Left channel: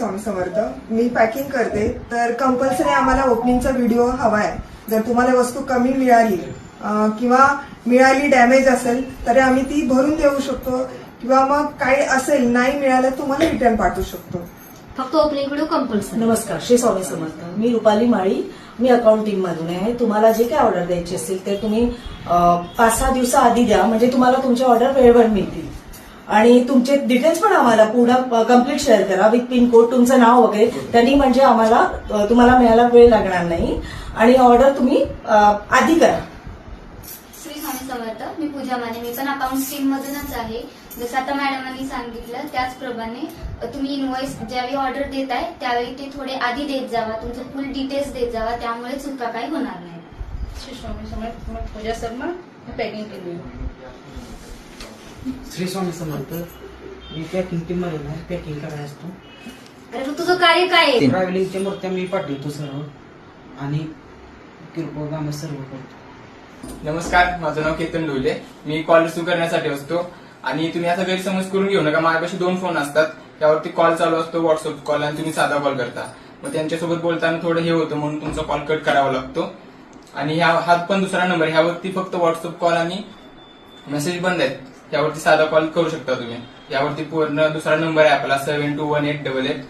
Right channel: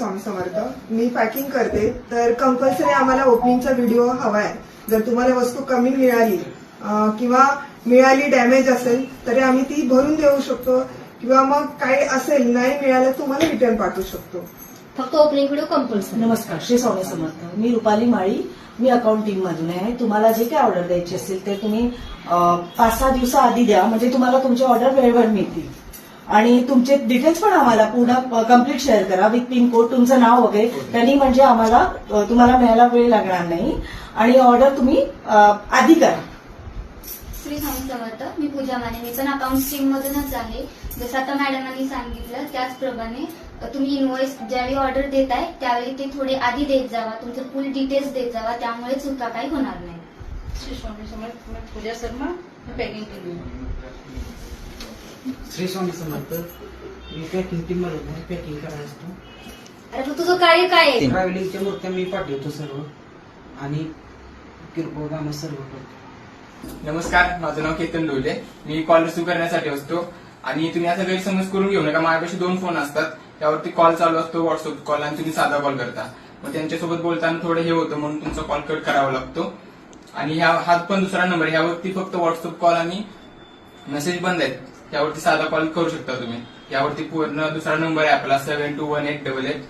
स्वामी समर्थ. मी packing करते, तर compulsory आम्हाला ओपनिंगचा व्हिडिओ हवा आहे. जर तुम्हाला वस्तू कमी मिळाली किंवा मिळाली डॅमेज असेल तर आम्ही ती भरून देऊ शकतो, किंवा मग काही असेल नाही मिळालं तुम्हाला रिटर्न पाठवू शकतो. फक्त ओपनिंग व्हिडिओ कंपल्सरी. नमस्कार, श्री स्वामी समर्थ. मी रुपाली माळी, मी अकाउंटिंग मधून आहे. तुम्हाला जे काही ऑर्डर द्यायची असेल ते तुम्ही 5-6 दिवसाआधी द्या, म्हणजे तुम्हाला तुमची ऑर्डर वेळेवर मिळतील. आणि तुमचे डिटेल्स पण आम्हाला पूर्ण कम्प्लीट शेअर करा विथ पिनकोड, तुमचं नाव वगैरे. त्यांनी म्हणजे आम्हाला तुम्हाला मिळायला वेळ लागणार नाही. आणि ऑर्डर तुम्ही आधी करा. श्री स्वामी समर्थ. मी पूजा माने, मी पण अकाउंट स्ट्रीम मधूनच आहे. जसं आता मॅडमांनी सांगितलं त्याचप्रमाणे तुम्ही इनवॉइस ज्यावेळी ऑर्डर देताय त्यावेळी ते थोडे आधी देत जावा, तुमचं फुल डिटेल्स देत जावा, त्यामुळे चुका काही होणार नाही. श्री स्वामी समर्थ. मग पूजा शर्मा, पॅकिंग केली. श्री स्वामी समर्थ. मी पॅकिंग टीम मध्ये नाही, पॅकिंग करायला असतो. अरे मग तुझं कार्य काय आहे? ट्रॅव्हलिंगच्या मूर्त्या मी पाठवतो सर्व, आणि किरकोळ कामं सर्व करतो. नमस्कार, माझं नाव केतन डोले. मी कॉल रिसिव्ह करण्यासाठी असतो. आणि तुम्ही असा गैरसमज करून घेऊ नका. माझ्यापाशी 2 फोन असतात, त्यावरती कॉल चालू असतो, व्हॉट्सअप कॉल, आणि तुम्ही साधा कॉल करता. मग त्यांच्यासोबत बोलताना थोडं हे होतं, म्हणून तुमचा कॉल कट करावा लागतो. आणि हा पण दुसरा नंबर, ह्यावरती फक्त व्हॉट्सअप कॉल आणि मेसेज बंद आहेत. त्यावरती साधा कॉल करू शकता तुम्ही. यावरती पूर्ण दुसरा नंबर आहे आपला 721888.